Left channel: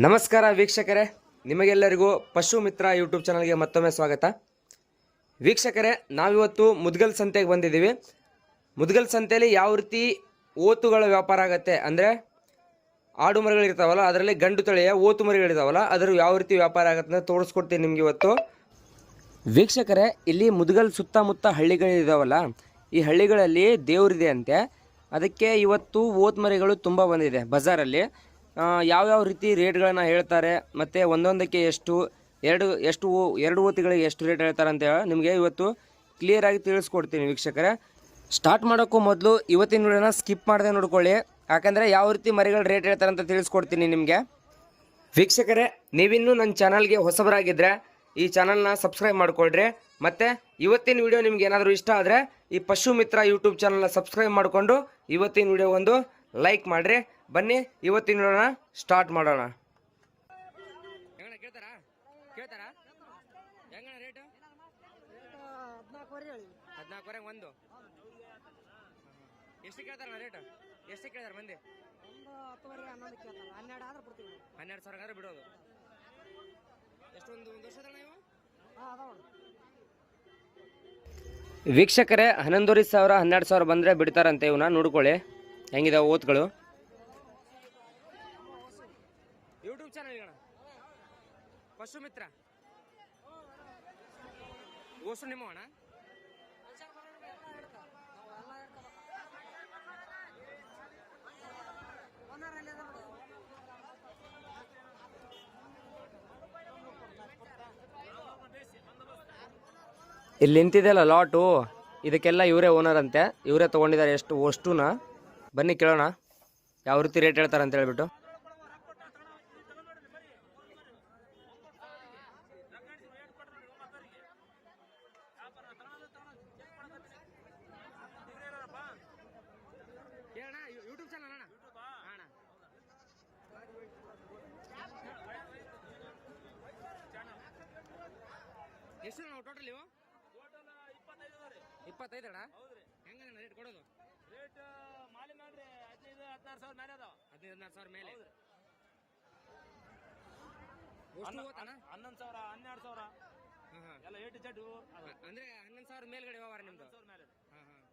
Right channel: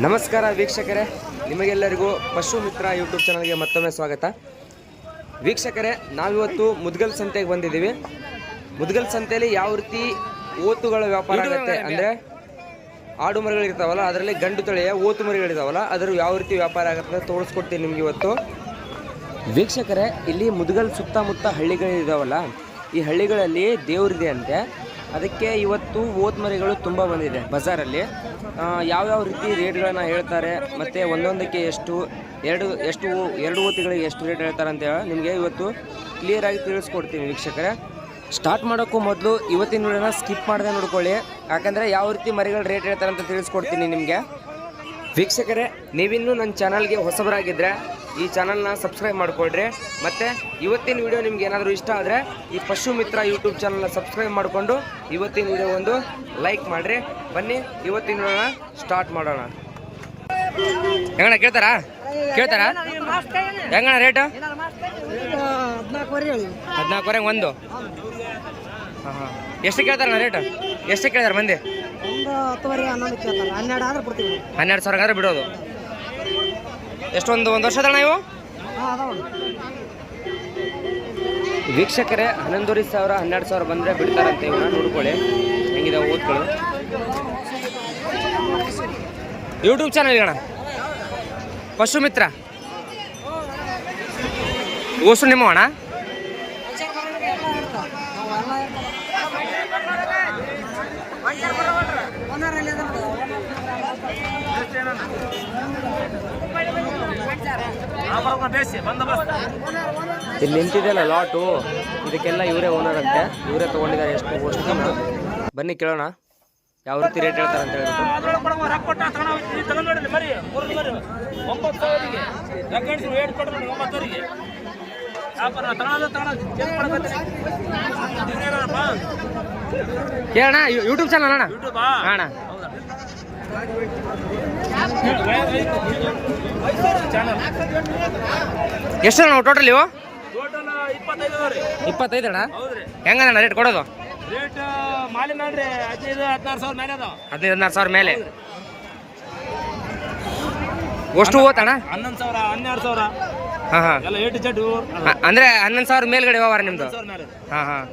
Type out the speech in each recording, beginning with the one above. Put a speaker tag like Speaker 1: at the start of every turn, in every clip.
Speaker 1: ನಮಸ್ಕಾರ ವೀಕ್ಷಕರೇ. ನಿಮಗೆಲ್ಲರಿಗೂ ಪಶು ಮಿತ್ರ ಯೂಟ್ಯೂಬ್ ಚಾನಲ್ಗೆ ಮತ್ತೊಮ್ಮೆ ಸ್ವಾಗತ. ವೀಕ್ಷಕರೇ ನಾವಿವತ್ತು ಮುದ್ಗಲ್ ಸಂತೆಗೆ ಬಂದಿದ್ದೀವಿ. ಮುದ್ಗಲ್ ಸಂತೆಯಲ್ಲಿ ಯಾವ ರೀತಿ ಓತುಗಳ ವ್ಯಾಪಾರ ಆಗುತ್ತೆ ಅಂದರೆ ಆಡು ಮರಿಗಳಿರ್ತಾವಲ್ಲ ಅದರಲ್ಲಿ ಗಂಡು ತಳಿಯ ಓತು ಮರಿಗಳಿರ್ತಾವಲ್ಲ ಅದರ ಯಾವ ರೀತಿ ವ್ಯಾಪಾರ ಆಗುತ್ತೆ ಅಂತ ತೋರಿಸ್ಕೊಡ್ತೀನಿ ನಿಮಗೆ ಇವತ್ತು. ವೀಕ್ಷಕರೇ ಇಲ್ಲಿ ಮುದ್ಗಲ್ ಸುತ್ತಮುತ್ತ ಹಳ್ಳಿಗಳಿದಾವಲ್ಲ ಈ ಹಳ್ಳಿಗಳಲ್ಲಿ ದೇವರಿದೆ ಅಂತೆ. ಅದಕ್ಕೆ ಇವತ್ತು ಓತ್ ಮರಿಗಳು ತುಂಬ ಬಂದಿದೆ ಬಜಾರಲ್ಲಿ. ಯಾವ್ಯಾವ ರೀತಿ ರೇಟ್ಗಳನ್ನ ಹೇಳ್ತಾರೆ, ಮತ್ತು ಒಂದೊಂದಕ್ಕೆ ಎಷ್ಟು, ಎರಡು ಎಷ್ಟು ಎರಡು ಓತಿಗಳಿಗೆ ಎಷ್ಟು ರೇಟ್ ಹೇಳ್ತಾರೆ ಅಂತ ನಿಮಗೆ ಇವತ್ತು ಕ್ಲಿಯರಾಗಿ ತಿಳಿಸ್ಕೊಡ್ತೀನಿ ವೀಕ್ಷಕರೇ. ಸ್ಟಾರ್ಟ್ ಮಾಡೋಕ್ಕೂ ಮೊದಲು ಇವತ್ತಿನ ವಿಡಿಯೋನ ಸ್ಕಿಪ್ ಮಾಡದೆ ನೋಡ್ಕೊಳ್ಳಿ. ಯಾಕಂದರೆ ಯಾವ ರೀತಿ ಮರಿಗಳು ರೇಟ್ ಹೇಳ್ತಾರೆ ಅಂತ ತಿಳಿಸ್ಕೊಡ್ತೀನಿ ನಿಮಗೆ. ವೀಕ್ಷಕರೇ, ನೀವಿನ್ನೂ ನನ್ನ ಚಾನಲ್ಗೆ ಹೊಸಬರಾಗಿದ್ದರೆ ಈ ಚಾನಲ್ನ ಸಬ್ಸ್ಕ್ರೈಬ್ ಮಾಡಿಕೊಳ್ರಿ. ಮತ್ತು ಇವತ್ತಿನ ವಿಡಿಯೋ ನಿಮ್ಗೆ ಏನಾದರೂ ಇಷ್ಟ ಆದರೆ ಈ ಪಶು ಮಿತ್ರ ಯೂಟ್ಯೂಬ್ ಚಾನಲ್ನ ಸಬ್ಸ್ಕ್ರೈಬ್ ಮಾಡಿಕೊಂಡು ಇವತ್ತಿನ ವಿಡಿಯೋ ಒಂದು ಲೈಕ್ ಮಾಡಿರಿ. ಬನ್ನಿ ಇವತ್ತಿನ ವಿಡಿಯೋನ ಸ್ಟಾರ್ಟ್ ಮಾಡೋಣ. ಹೆಂಗಣ್ಣ ಕೇಳ್ತಾರಾ? ಕೇಳ್ತಾರಾ? ಹೆಂಗಣ್ಣ ರೇಟ್
Speaker 2: ಹದಿನಾಲ್ಕುವರೆ
Speaker 1: ಒಂದು. ಹಾಂ ಹಾಂ. ಎಷ್ಟು ಕೇಳ್ತಾರಣ್ಣ ರೇಟು ಎಷ್ಟು ಕೇಳ್ತಾರೆ ಮಂದಿ?
Speaker 2: ಹನ್ನೆರಡು
Speaker 1: ಸಾವಿರ ಆದ್ರೆ ಬಿಡೋದು. ಎಷ್ಟೊಂದು ಒಂದು ವರ್ಷ
Speaker 2: ಅದಣ್ಣ ಇವು?
Speaker 1: ವೀಕ್ಷಕರೇ ಹನ್ನೊಂದುವರೆ ಸಾವಿರ ಹನ್ನೆರಡು ಸಾವಿರ ಬಂದರೆ ಬಿಡ್ತಾರಂತೆ ಇವನ್ನ ನೋಡ್ಕೊಳ್ಳಿ. ಹೆಂಗಿದೆ ಓದ್ಗಳು. ಯೂಟ್ಯೂಬ್ ಚಾನಲ್ ಅಣ್ಣ ಪಶು ಮಿತ್ರ ಓಸು ನಿಮ್ಮ ಅಣ್ಣ ಇಲ್ಲಿ ನಿಂತಿದೆಯಲ್ಲ ಲಾಟು ಇದಕ್ಕೆಲ್ಲ ಇವರೇ ಓನರ್ ಅಂತೆ. ಇವರೇ ತಗೊಂಡಿದ್ದಾರೆ ಎಷ್ಟು ವಸ್ತುನ. ಬನ್ನಿ ಕೇಳೋಣ ಯಾವ ರೀತಿ ರೇಟ್ ಹೇಳ್ತಾರೆ ಅಂತ ಹೇಳ್ಬಿಟ್ಟು. ಕೇಳೋಣ ಯೂಟ್ಯೂಬ್ ಚಾನಲ್ ಅಣ್ಣ. ಅಣ್ಣ. ಎಷ್ಟು ನಾವು ಟೋಟಲ್ ಇವು? ಇಪ್ಪತ್ತೈದು ಅಣ್ಣ ಹೆಂಗಣ್ಣ ರೇಟ್ ಕೊಡೋದು
Speaker 3: ರೇಟ್ ಮಾಲಿ ನೋಡ್ರಿ ಹದಿನೈದು ಹದಿನಾರು ಸಾವಿರ ಮೇಲೆ ಅದಾವ.
Speaker 1: ಹದಿನೈದು ಹದಿನಾರು ಸಾವಿರ ಮೇಲೆ? ಅಷ್ಟು ಓತಣ್ಣ
Speaker 3: ಹನ್ನೊಂದು ಸಾವಿರ ಹನ್ನೆರಡು ಸಾವಿರ.
Speaker 1: ಹಾಂ ಹಾಂ. ಅಂದರೆ ಹನ್ನೊಂದು ಸಾವಿರ ಮೇಲ್ಗಡೆ ವ್ಯವಹಾರ ನಿಮ್ಮದು ಹಾಂ ಹಾಂ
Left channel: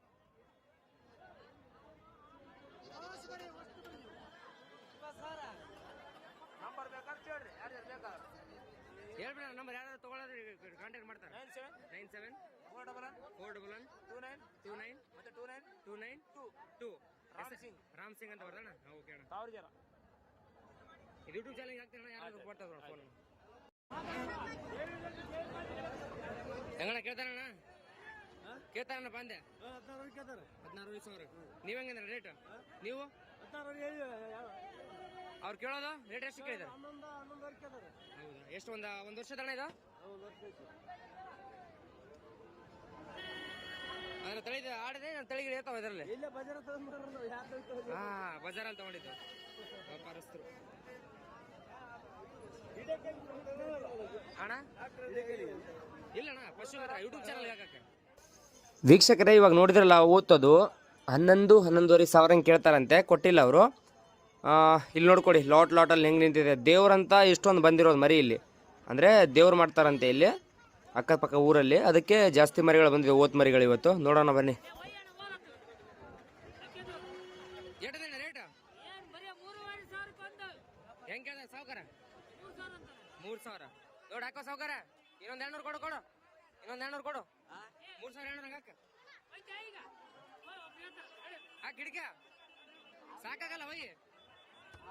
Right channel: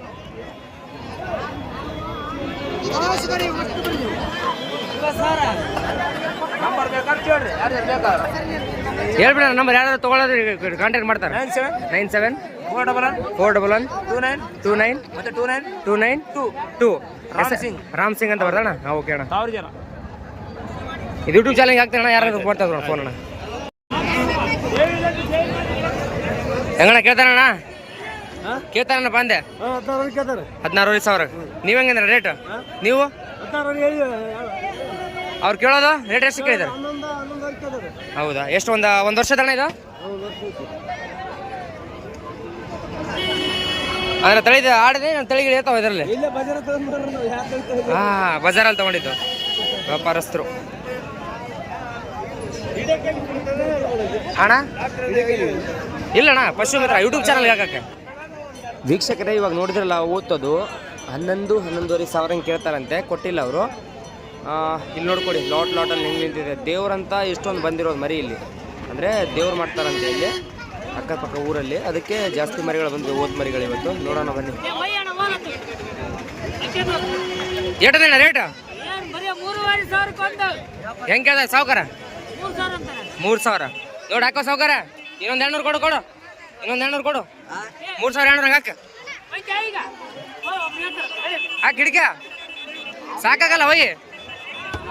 Speaker 3: ನಂಬರ್ ಬೇಕಾದ್ರೆ ಕೇಳ್ರಿ ಯಾರು ಬೇಕಾದ್ರೆ
Speaker 1: ಹೇಳ್ಬಿಡ ನಂಬರ್ ಯಾರಾದ್ರು ತೊಗೊಳೋದು ಕಾಂಟ್ಯಾಕ್ಟ್ ಮಾಡ್ತಾರೆ.
Speaker 3: Nine seven
Speaker 1: nine seven
Speaker 3: four double one
Speaker 1: four double one
Speaker 3: two nine
Speaker 1: two nine
Speaker 3: ಮತ್ತೆ two nine
Speaker 1: two nine
Speaker 3: two
Speaker 1: two
Speaker 3: Ram Singh.
Speaker 1: Ram Singh ಅಂತ ಬರ್ದಣ್ಣ ಓಕೆ ಅಣ್ಣ.
Speaker 3: ಸಾವಿರ ಜನ.
Speaker 1: ಇದು ಯೂಟ್ಯೂಬ್ ಚಾನಲ್ಗೆ ಹಾಕ್ತಾರಣ್ಣ ಅಣ್ಣ ಯಾರಾದ್ರು ಮಾಡ್ತಾ ಇದ್ರು ಫೋನ್ ಅಣ್ಣ. ಹೆಂಗಣ್ಣ ಕೇಳ್ತಾರಣ್ಣ? ಕೇಳ್ತಾರಣ್ಣ ಬಂದೆ
Speaker 2: ಹದಿನಾರು
Speaker 1: ಸಾವಿರ. ನೀವು ಹೆಂಗಂದ್ರೆ ರೇಟ್ ನೀವು? ಅವ್ರು ಕೇಳೋದು? ರೇಟ್ ಎಷ್ಟು
Speaker 2: ಕೇಳಿದ್ದಾರೆ
Speaker 1: ಹೌದಾ? ಎಷ್ಟು ಒಂದು ಒಂದು ವರ್ಷದಣ್ಣ ಇದು? ಅಂದ್ರೆ ತಳಿದ ಆಡಿದೆ ನಾನು ತಳಿಗಳು ಹೇಳ್ತಾವ ಇದರಲ್ಲಿ? ಹಾಂ, ಬಜಾರಲ್ಲಿ ತಗೊಂಡಿದ್ದು. ವ್ಯಾಪಾರಸ್ಥರು. ಅಣ್ಣ? ಇಲ್ಲಣ್ಣ, ಪಶು ಮಿತ್ರ ಯೂಟ್ಯೂಬ್ ಚಾನಲ್ ಹಾಕಕ್ಕೆ. ವೀಕ್ಷಕರೇ, ಇವಾಗ ನೋಡಿದ್ರಲ್ಲ, ಓದ್ತದು. ಹನ್ನೊಂದು, ಹನ್ನೊಂದುವರೆ ಸಾವಿರ ಕೇಳ್ತಾರಂತೆ. ಕೊಟ್ಟಿಲ್ಲ ಅವರು. ಇಲ್ಲಿ ನೋಡ್ಕೊಡಿ ಲಾಟ್ ಲಾಟಲ್ಲಿ ಹೆಂಗೆ ನಿಂತಿದೆ. ದೇವ್ರಂತ ಇಷ್ಟೊಂದು ಬಂದಿರೋದು ಮರಿ ಇಲ್ಲಿ. ಅಂದರೆ ದೇವ್ರು ಮಾಡ್ತಾರಂತೆ ಇಲ್ಲಿ ಅಕ್ಕಪಕ್ಕ ಊರಲ್ಲಿ. ಅದಕ್ಕೆ ಜಾಸ್ತಿ ಮರಿಗಳು ಬಂದಿವೆ ಓದ್ ಮರಿಗಳು ಇವತ್ತು. ನೋಡೋಣ ಬನ್ನಿ. ಏಟದೇನ ರೇಟ್ ಹೆಂಗೆ ಅದ ಸಾವುಕಾರ? ಮೂರು ಸಾವಿರ ನೋಡಿ ಹಾಕೋ ಸಾವುಕಾರ. ಇನ್ನೊಂದು ಎರಡ್ನೂರು ಕೊಡು ಕೊಡು. ಇನ್ನೊಂದು ಎರಡ್ನೂರು ಕೊಡು. ಮೂರು ಸಾವಿರ ಎರಡ್ನೂರು ಹಾಕ. ಹಾಕಿ ಹಿಡಿಕ. ಸಾಕಾಗಲ್ಲ ಹೋಯ್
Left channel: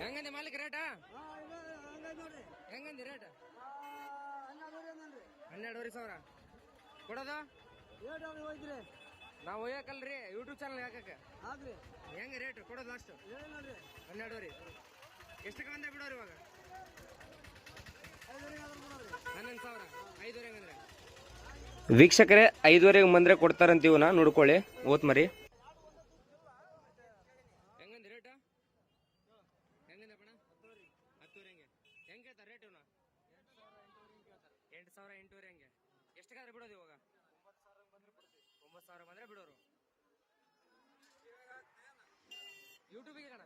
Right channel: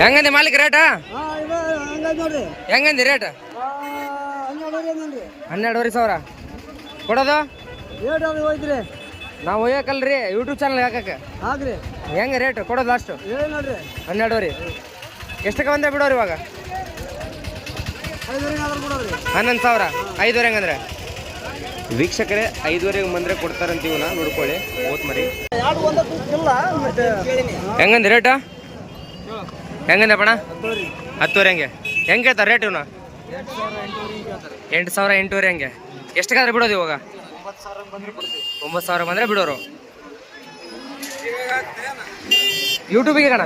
Speaker 1: ಹೆಂಗಂದಿ ಮಾಲೀಕ ರೇಟ? ಹೆಂಗಂದಿ ರೇಟ್? ಹನ್ನೆರಡುವರೆ ಸಾವಿರ. ಕೊಡೋದು?
Speaker 2: ನಾವು ಒಯ್ಯಕಲ್ರಿ ಯೂಟ್ಯೂಬ್ ಚಾನಲ್ ಹಾಕಕ್ಕೆ.
Speaker 4: ಹೆಂಗ
Speaker 2: ಹೆಂಗೆ ರೇಟ್? ಕೊಡೋದು ಲಾಸ್ಟ್ ಹನ್ನೆರಡುವರೆ. ಎಷ್ಟಕ್ಕೆ ಬಂದೆ ಬಿಡೋರಿ ಇವಾಗ? ಹನ್ನೊಂದು ಸಾವಿರ. ಐದುವರೆ ಹಂಗಂದ್ರೆ. ವೀಕ್ಷಕರೇ ಐದುವರೆಗೆ ಬಂದರೆ ಕೊಡ್ತಾರಂತ ಇವನ ನೋಡ್ಕೊಳ್ಳಿ ಓತ್ ಮರಿ ಹೆಂಗಂದೆ ರೇಟ? ಹೆಂಗಂದಪ್ಪಣ ಪಣ ಹತ್ತುವರೆ ಹೆಂಗೆ. ಹೆಂಗೆ ಹೇಳ್ತಾರೆ ರೇಟ್ ಇವನು? ಎಂಟು ಸಾವಿರ ಎಂಟೂವರೆ ಹಂಗೆ. ಎಷ್ಟಕ್ಕಾದ್ರೆ ಬಿಡೋದು ಇವಾಗ? ಒಂಬತ್ತು ಸಾವಿರ ಬಂದರೆ ಬಿಡೋರು. ಯೂಟ್ಯೂಬಿಗೆ ಕಣ?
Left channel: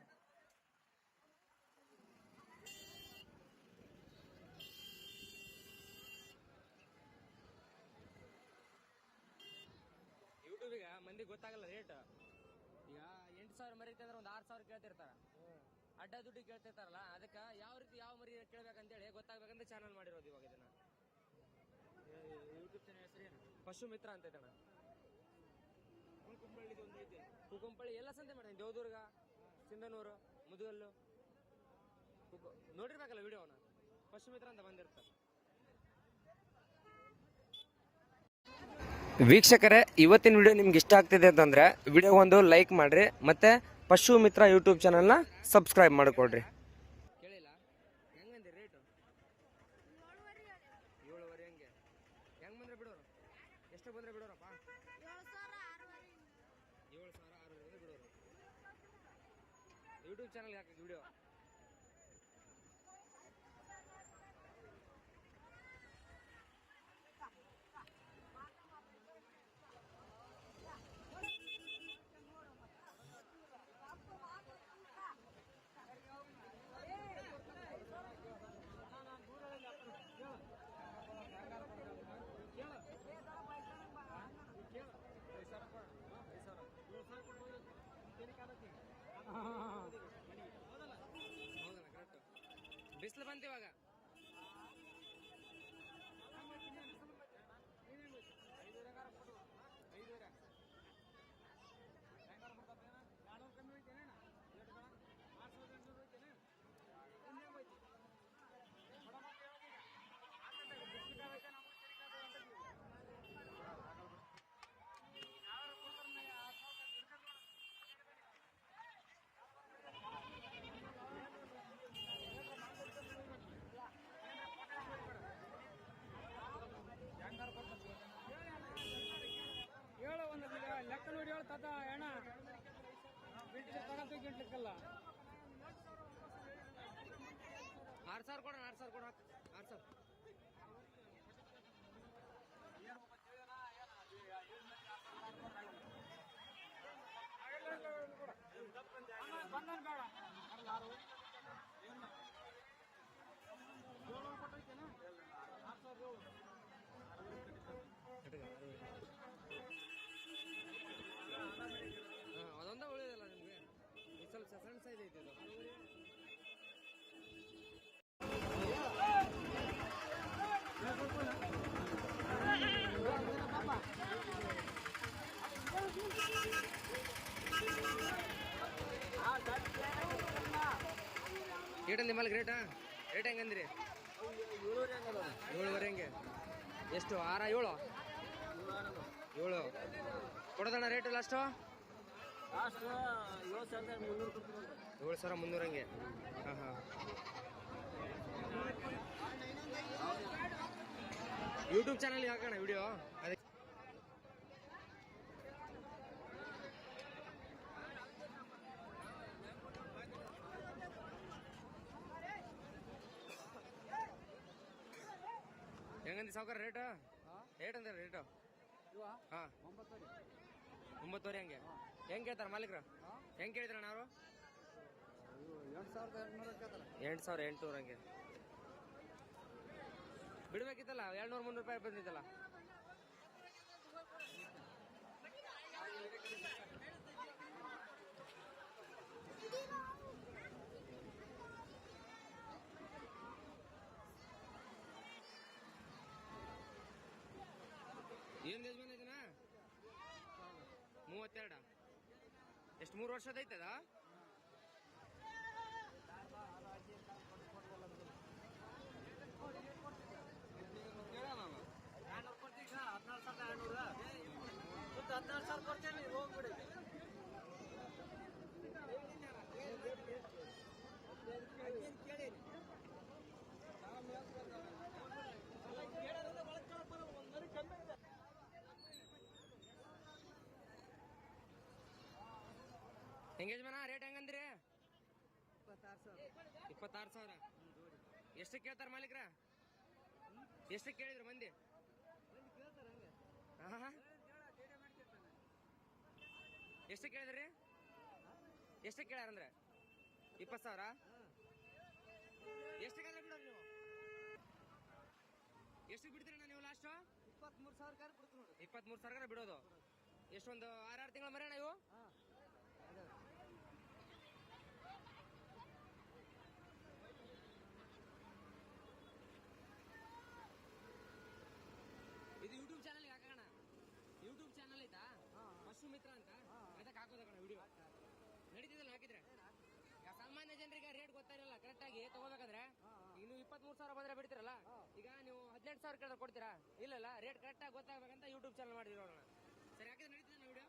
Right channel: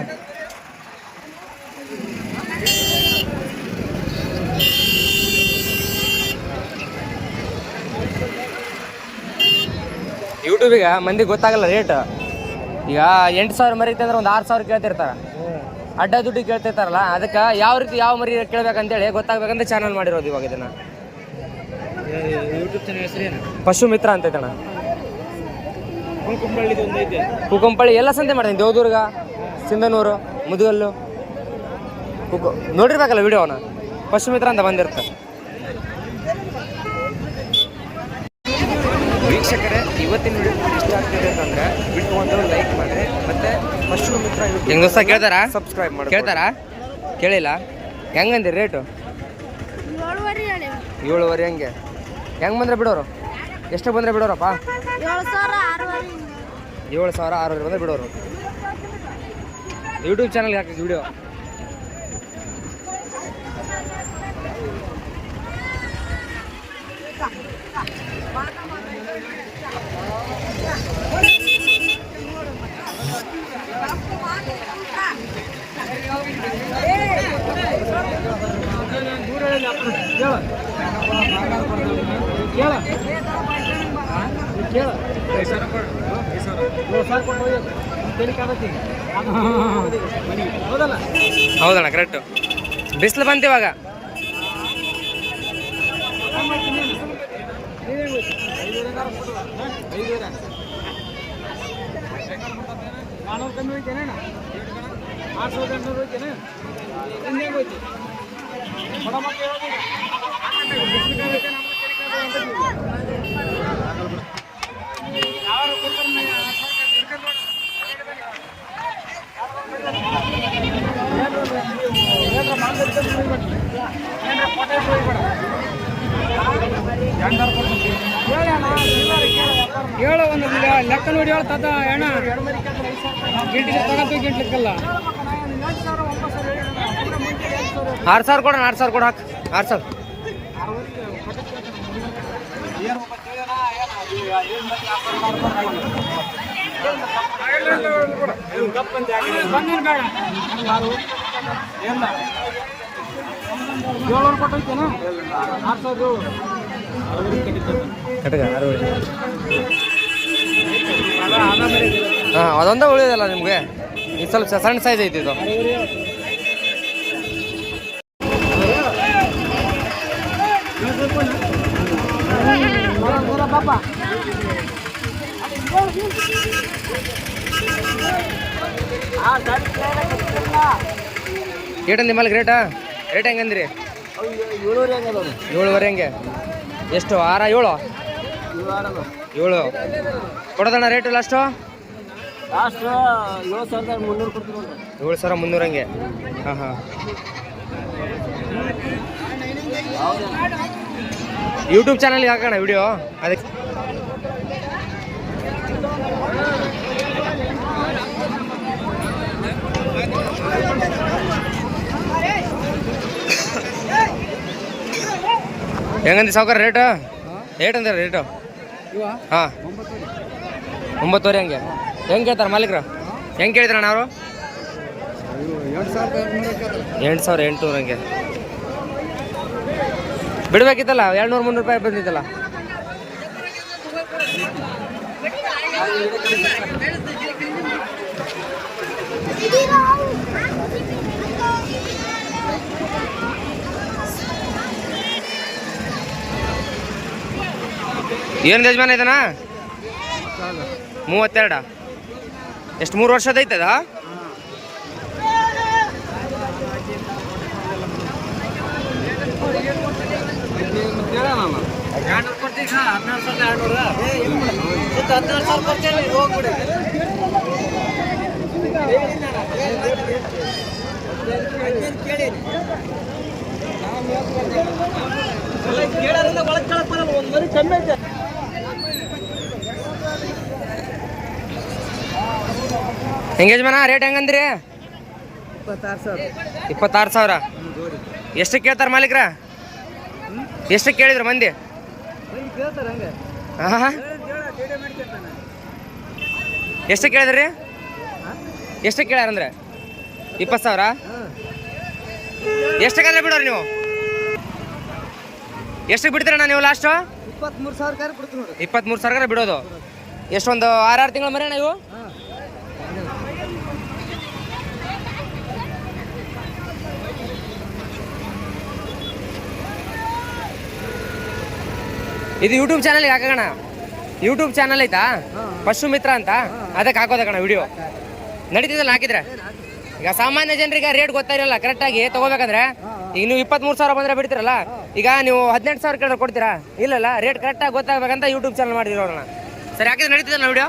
Speaker 2: ಯೂಟ್ಯೂಬಿಗೆ ಮಂದಿ ಗೊತ್ತಾಗಲ್ಲ ರೇಟ್ ಈಗ ಎಂಟು ಸಾವಿರ ಮರಿ ಅಂದ್ರೆ ಒಂದು ಆರು ಸಾವಿರ ಕೇಳ್ತಿರ್ತಾರೆ. ಅಡ್ಡ ದುಡ್ಡು ಕೇಳ್ತಿರ್ತಾರಲ್ಲ, ಅದಕ್ಕೆ ಯಾವ ರೀತಿ ಯಾವ ಮರಿ ಕೇಳ್ಬೇಕಂತೇಳಿ ಗೊತ್ತಾಗ್ಬೇಕಂತ ಚಾನಲ್ ಮಾಡಿರೋದು ಇವಾಗ ಇದನ್ನ. ಪಶು ಮಿತ್ರ ಅಂತ ಐತಣ್ಣ.
Speaker 3: ಕುಂಕುಂಬಳ್ಳಿದು ಒಂದು ಐತೆ
Speaker 2: ಕುಕಂಪಳ್ಳಿ ಎಲ್ಲ ಸಂತೆ ಮಾಡ್ತೀನಿ, ದೇವದುರ್ಗ, ಸಿಂಧನೂರು, ಮುದುಗಲ್ಲು. ಕುಕು ನೋಡಿರ್ಬೇಕಲ್ಲ ವಿಡಿಯೋನ ಪಶು ಮಿತ್ರ ಅಂತ ಬಂದಿರುತ್ತೆ. ವೀಕ್ಷಕರೇ ಇವತ್ತಿನ ವಿಡಿಯೋ ನಿಮ್ಗೆ ಇಷ್ಟ ಆಗ್ತಿದೆ ಅಂತಂದ್ರೆ ವಿಡಿಯೋ ಒಂದು ಲೈಕ್ ಮಾಡ್ರಿ. ಮತ್ತೆ ಪಶು ಮಿತ್ರ ಯೂಟ್ಯೂಬ್ ಕೇಳ್ತಾರ? ಸಬ್ಸ್ಕ್ರೈಬ್ ಮಾಡಿ ಕೇಳ್ತಾರ? ಕೇಳಿಲ್ಲ. ಹೆಂಗಂದಿ ರೇಟು
Speaker 5: ಏಳುವರೆ ಹಂಗೆ
Speaker 2: ಏಳುವರೆ ಹೆಂಗೆ? ಹೆಂಗೆ ಬಂದ್ರೆ ಬಿಡೋರು? ಎಷ್ಟು ಬಂದ್ರೆ ಬಿಡೋರಪ್ಪ?
Speaker 5: ಏಳು ಸಾವಿರ ಆರೂವರೆ.
Speaker 2: ಏಳು ಸಾವಿರ ಆರುವರೆ ಬಂದ್ರೆ ಬಿಡೋರು. ಯೂಟ್ಯೂಬ್ ಚಾನಲ್ಗೆ ಹಾಕಿ ವಿಡಿಯೋ
Speaker 4: ಕೇಳ ಕೇಳ ಏಳು ಸಾವಿರ ಕೊಟ್ಟು ಒಯ್ಯೋದು. ತೆಲಿಕ್ ಆಗತ್ತೆ ಈಗ. ಹೌದಲ್ಲ
Speaker 2: ಹೌದಣ್ಣ ಕರೆಕ್ಟು ಬಿಸಿಲು ಬಂತು
Speaker 4: ಹೇಳು ಒಂದು ಲೆಕ್ಕ ನೋಡಿ ಹೇಳ ತಾತ ಅಣ್ಣ. ಗಿಂಟಿಗೆ ತಗೊಂಡು ಗಿಂಟ್ಲಿಕ್ಕಲ್ಲ.
Speaker 2: ಆರು ಸಾವಿರ ಕೊಡೋಣ ಆರು ಸಾವಿರ ಕೊಡು ಹಾಕು. ಆರು ಸಾವಿರ.
Speaker 4: ಏಳ್ನೂರು ಕೊಟ್ಟೈತೇನ? ಆರು
Speaker 2: ಹಾಂ ಅದೊಂದೇ ಉಳಿಯೋದಲ್ಲ ನಿಮಗೆ? ಈ ಸ್ವಲ್ಪ ಸಣ್ಣ ಸೈಜ್ ಐತಿ ಇದು.
Speaker 4: ಪಾಪ
Speaker 2: ನಿಮ್ಮಲ್ಲಿ ಗ್ರೇಟಾ ರೇಟ್ ಹೆಂಗಂದ್ರಿ?
Speaker 4: ಏಳುವರೆ
Speaker 2: ಹಂಗೆ? ಎಷ್ಟು? ಆರ, ಏಳು? ಏಳು. ಕೊಡೋದಣ್ಣ ರೇಟ್ ಲಾಸ್ಟು
Speaker 4: ಏಳು
Speaker 2: ಸಾವಿರ ಮುನ್ನೂರು ಹಂಗೆ. ಹಾಂ ಹಾಂ. ಯೂಟ್ಯೂಬ್ ಚಾನಲ್ಗೆ ಹಾಕೋಣ ವಿಡಿಯೋ ಅದಕ್ಕೆ ಹೆಂಗಂದಿ ಸಾವುಕಾರ ರೇಟ್ ರೇಟ್ ಅಂದ್ರೆ ರೇಟು ಹಾಂ. ಒಂಬತ್ತುವರೆ. ಹಂಗೆ. ಹೆಂಗೆ ಕೇಳ್ತಾರೆ ಮಾಲೀಕರು? ಹೆಂಗೆ ಕೇಳಿದ್ರಣ್ಣ ಅವರು? ಎಂಟು ಸಾವಿರ ಎಂಟುನೂರು ಹಂಗೆ. ಬಿಡ್ಬೇಕಿತ್ತಲ್ಲ ಎರಡ್ನೂರು ಮುನ್ನೂರು ರೂಪಾಯಿ ಬಂದಿತ್ತಲ್ಲ? ಏನು ಯಜಮಾನ ಇದನಾ? ಮೂವತ್ತೆರಡ. ಎಷ್ಟು, ಮೂರು ವರ್ಷದ ಐತದ?
Speaker 3: ಕೇಳಿ ಕೇಳೋದ್ರಿಂದ ಒಳಗೆ ಕೇಳಕ್ ಬರಲ್ಲ, ಒಂದು ಮರಿ ಕಮ್ಮಿ ಐತೆ.
Speaker 2: ಹೆಂಗೇಜ್ಮನ ರೇಟ್ ಹೆಂಗಂದ್ರಿ?
Speaker 3: ಇಪ್ಪತ್ತಾರು ಸಾವಿರ.
Speaker 2: ಇಪ್ಪತ್ತಾರು ಸಾವಿರ. ಎಷ್ಟು ಕೇಳ್ತಾರೆ ಮಾಲೀಕ್ರ? ಎಷ್ಟು ಕೇಳಿದ್ರು ಮಂದಿ. ಎಷ್ಟು ಕೇಳಿದ್ರಿ? ಎಷ್ಟು ಕೇಳ್ಯಾರಂದ್ರೆ ಇಪ್ಪತ್ತು ಸಾವಿರ? ಎಷ್ಟಕ್ಕಾದ್ರೆ ಬಿಡೋರಿ ನೀವು? ಎಷ್ಟಕ್ಕೆ ಬಿಡ್ತೀರಣ್ಣ ನೀವು ಲಾಸ್ಟು
Speaker 3: ಇಪ್ಪತ್ತ್ಮೂರು ಸಾವಿರ
Speaker 2: ಇಪ್ಪತ್ತ್ಮೂರು ಸಾವಿರ ಬಿಡೋದು. ಎಷ್ಟೊಂದು ಆರಾರು ತಿಂಗಳ ಮರಿ ನೀವು ಇದು ಯೂಟ್ಯೂಬ್ ಚಾನಲ್ಗೆ ಹಾಕೋಣ. ಯೂಟ್ಯೂಬ್ ಚಾನಲ್ ಐತಾ? ಪಶು ಮಿತ್ರ ಅಂತ? ಅದಕ್ಕೆ ಹಾಕೋದಕ್ಕಣ ವಿಡಿಯೋ ನಡೀತಿದ್ದಲ್ಲ ಹಾಕಿದ್ರೆ? ಈಗ ಸಾಮಾನ್ಯ ಜನರಿಗೆ ರೇಟ್ ಗೊತ್ತಾಗಿರಲ್ಲ ಕರೆಕ್ಟಾಗಿ ತಗೋಬೇಕಂದ್ರೆ ಈಗ ನೀವು ಇಪ್ಪತ್ಮೂರು ಸಾವಿರ ಬಂದ್ರೆ ಬಿಡ್ತೀರಲ್ಲ, ಈಗ ನೀವು ಹದಿನೆಂಟು ಸಾವಿರ ಕೇಳಿದ್ರೆ ಕೊಡ್ತೀರಾ? ಇಲ್ಲಲ್ಲ ರೇಟ್ ಕರೆಕ್ಟಾಗಿ ಗೊತ್ತಾಗಬೇಕಂತ ಯೂಟ್ಯೂಬ್ ಚಾನಲ್ ಮಾಡಿರೋಣ ಸರಿ, ಹಾಕಿದ್ರೆ ನಡೀತಿದ್ದಲ್ಲ ವಿಡಿಯೋ